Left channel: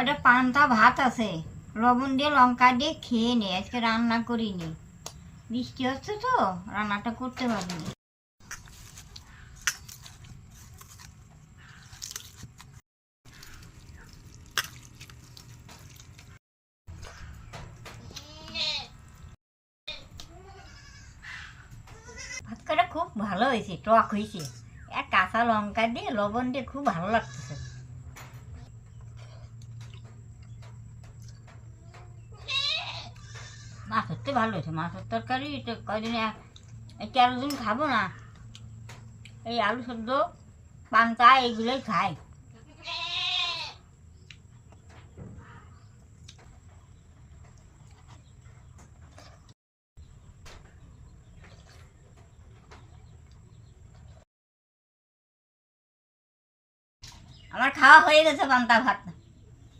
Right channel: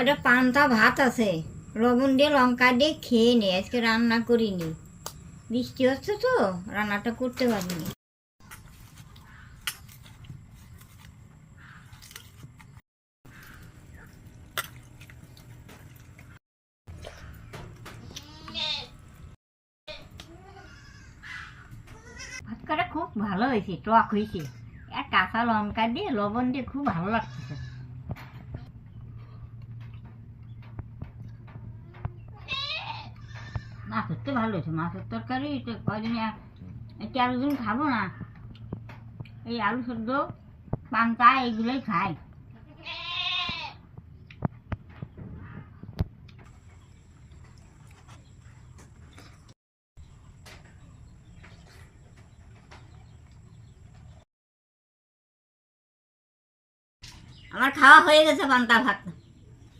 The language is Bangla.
কয়টা পান্তা ভাত আছে, লবণ দিয়ে লঙ্কা দিয়ে খেয়ে নে। আজকে রান্না করিনি, বৃষ্টি হচ্ছে তো রান্নাটা করতে পারিনি। ভাত কটা খুব ভালো হয়েছে, টক হয়েছে। এক কাঁচা লঙ্কা দিয়ে লবণ দিয়ে খুব ভালো লাগতেছে। মাছ হচ্ছে ভালো হয়েছে, মাছের তরকারি কদিন তেরো দিন খাবো না। এই আলু সেদ্ধ পান্তা এইগুলোই খাই। আমার খাওয়া হয়ে গেছে পান্তা ভাত।